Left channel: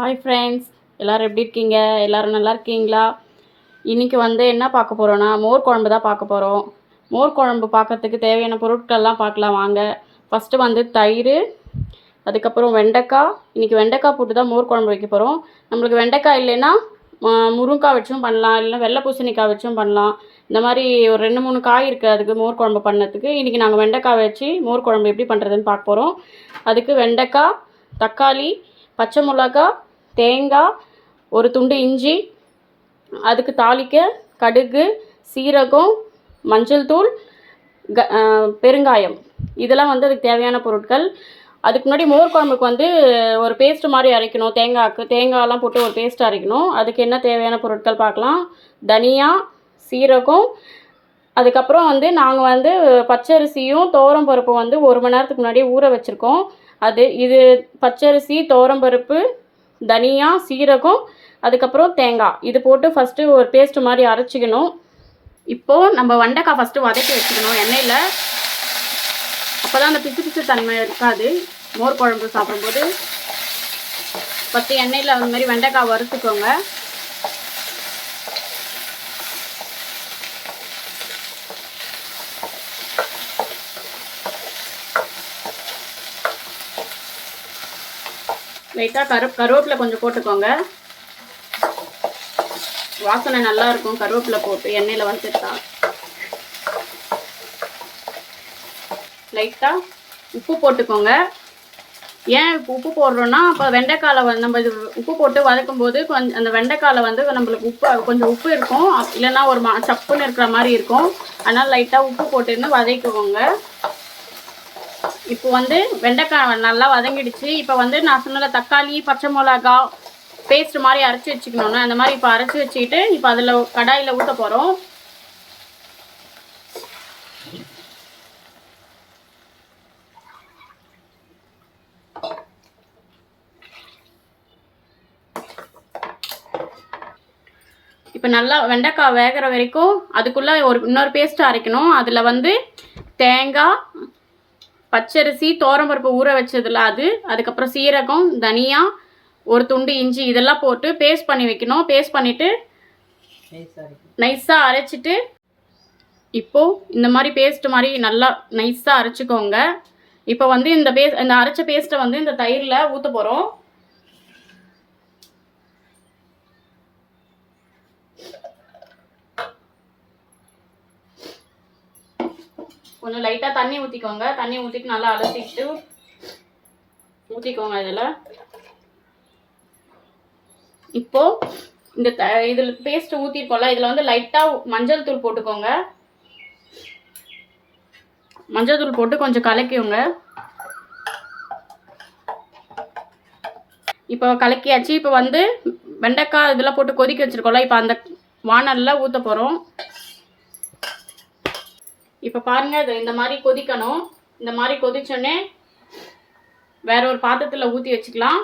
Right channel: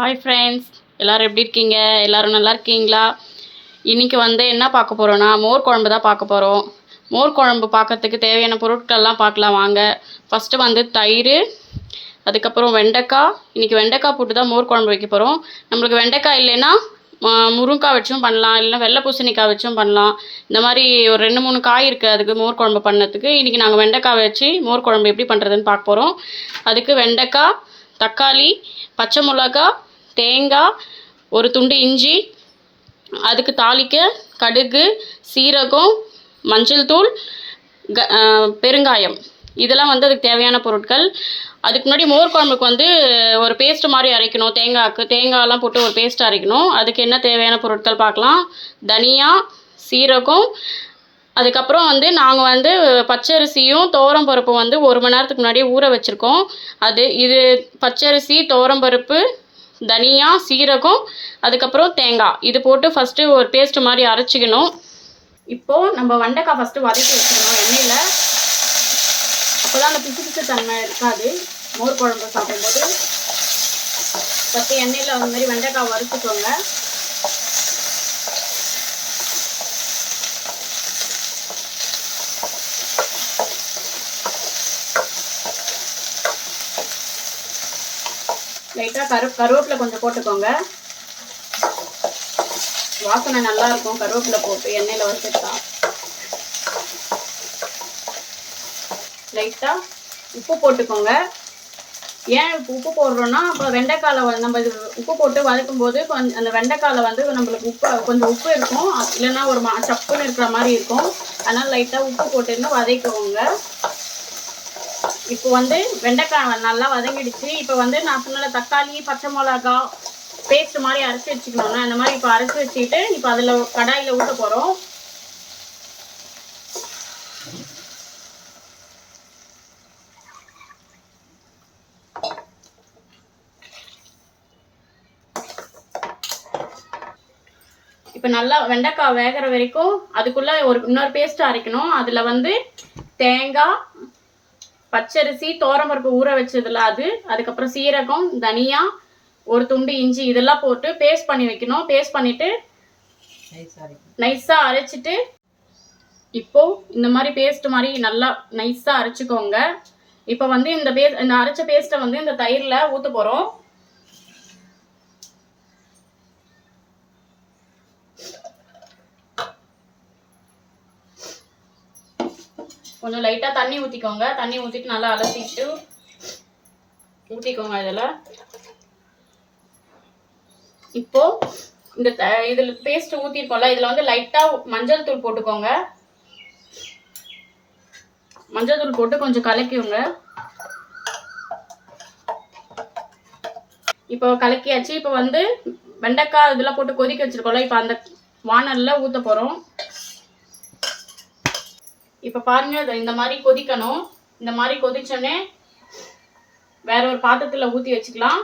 Hi friends, எல்லோரும் எப்படி இருக்கீங்க? எல்லோரும் நல்லா இருக்கீங்களா? இன்றைக்கி என்ன பார்க்க போகிறோன்னா மோர் குழம்பு தான் பார்க்க போகிறோம். மோர் குழம்பு பார்க்கறதுக்கு தேவையான பொருட்கள்லாம் பார்க்கலாம் வாங்க. ஃபஸ்ட்டு தயிர், அதுக்கப்புறம் வெண்டைக்காய். இன்றைக்கி வெண்டைக்காய் போட்டு தான் மோர் குழம்பு வைக்க போகிறோம். நம்மளுக்கு வெண்டைக்காய் இல்லைன்னா முருங்கைக்காய் வச்சும் பண்ணலாம், இல்லைன்னா வெள்ளை பூசணிக்காய் வச்சும் பண்ணலாம். இந்த மாதிரி ஒரு 2-3 காய் இருக்குது அதுக்கு மோர் குழம்பு பண்ணதுக்கு. இன்றைக்கி நாங்கள் வெண்டைக்காய் வச்சு மோர் குழம்பு எப்படி பண்ணுறதுன்னு பார்க்க போகிறோம். அதுக்கு வெண்டைக்காய், தக்காளி, பச்சை மிளகா, தேங்காய், ஒரு துண்டு இஞ்சி, அதுக்கு தாளிக்க கடுகு, சீரகம், மஞ்சள் தூள், பெருங்காயம். இதெல்லாம் அதுக்கு தேவையான பொருட்கள். அதுக்கு முன்னாடி மோர் குழம்புக்கு ஒரு பேஸ்ட் மாதிரி அரைக்கணும். தேங்காயெல்லாம் போட்டு ஒரு பேஸ்ட் அரைக்கணும். அதுக்கு என்ன தேவையான பொருட்கள் பார்க்கலாம். தனியா, சீரகம், அதுக்கப்புறம் நாங்கள் பச்சரிசியும் துவரம்பருப்பும் 1 மணி நேரத்துக்கு முன்னாடியே ஊற வச்சுருக்கோம். இது பச்சரிசி, துவரம்பருப்பு, தனியா, சீரகம், அதுக்கப்புறம் தேங்காய், இது போட்டு ஃபஸ்ட்டு ஒரு பேஸ்ட் மாதிரி அரைச்சிக்கணும். இப்போது நம்ம வெண்டைக்காய் ஃபஸ்ட்டு வதக்கி வச்சுக்கணும் எண்ணெயில். அப்போ தான் அந்த பிசு பிசு தன்மை இருக்காது மோர் குழம்பு சாப்பிடும்போது. ஃபஸ்ட்டு எண்ணெயில் அந்த மாதிரி வெண்டைக்காய் வறுத்துக்கோங்க. லைட்டாக கருவேப்பிலை கொஞ்சம் போட்டுக்கோங்க. வாசனை நல்லாயிருக்கும் கருவேப்பிலை போட்டு எண்ணெயில் வறுத்துட்டா. லைட்டாக உப்பு போட்டுக்கோங்க. ஏன் உப்பு போடுறோன்னா, அப்போ வெண்டைக்காயில் நம்ம இது உப்பு போட்டு வதக்கும் போது அந்த வெண்டைக்காயில் நம்மளுக்கு கொஞ்சம் உப்பு இருக்கும், இல்லைன்னா ஒரு சப்புன்னு இருக்கிற மாதிரி இருக்கும். அதனால் லைட்டாக உப்பு போட்டுருந்து வதக்குவோங்க. இப்போ வெண்டைக்காய் நல்லா வதங்கிடுச்சு. இப்போ நான் சொன்ன தக்காளி, பச்சை மிளகா பேஸ்ட் மாதிரி அரைச்சி வச்சுக்கணும்னா அந்த மாதிரி இப்போ அரைச்சி வச்சுக்கிட்டு இப்போ அதில் கடாயில் ஊற்ற போகிறோம். இப்போ நல்லா வெண்டைக்காய் வேகிற வரைக்கும் அதுக்குள்ளே இன்னொரு பேஸ்ட்டு அரைக்கணும். அதில் தேங்காய், பச்சரிசி, துவரம்பருப்பு ஊற வச்சதில் அதுக்கப்புறம் சீரகம், தனியா, ஒரு துண்டு இஞ்சி, இதெல்லாம் போட்டு பேஸ்ட் பண்ணி வைக்கணும். பேஸ்ட் பண்ணிவிட்டு நைஸாக அரைச்சிட்டு இப்போது இந்த மாதிரி பேஸ்ட் மாதிரி நல்லா நைஸாக அரைச்சிக்கோங்க. இப்போ இந்த அரைச்ச பேஸ்ட்டை இந்த தயிரில் ஊற்ற போகிறோம். கொஞ்சம் லைட்டாக தண்ணி ஊற்றிக்கோங்க. தண்ணி ஊற்றிட்டு நல்லா அலசிட்டு ஊற்றிக்கோங்க இதில். இப்போது இதில் பேஸ்ட் ஊற்றிருக்கோம்ல, இதில் லைட்டாக மஞ்சள் தூள் போட்டுக்கோங்க. மஞ்சள் தூள் போட்டு கொஞ்சம் கலக்கிவோங்க. இப்போ கலக்கியாச்சு. இப்போ வெண்டைக்காய் இதெல்லாம் போட்டு கொதிக்க வச்சுருக்கோம்ல, இப்போ அந்த வானலில் ஊற்ற போகிறோம். இப்போ பாருங்கள், இந்த மாதிரி கொதிக்கணும். இந்த மாதிரி கொதிச்சோடனே வேற ஒரு பாத்திரத்தில் ஊற்றி வச்சுக்கலாம்.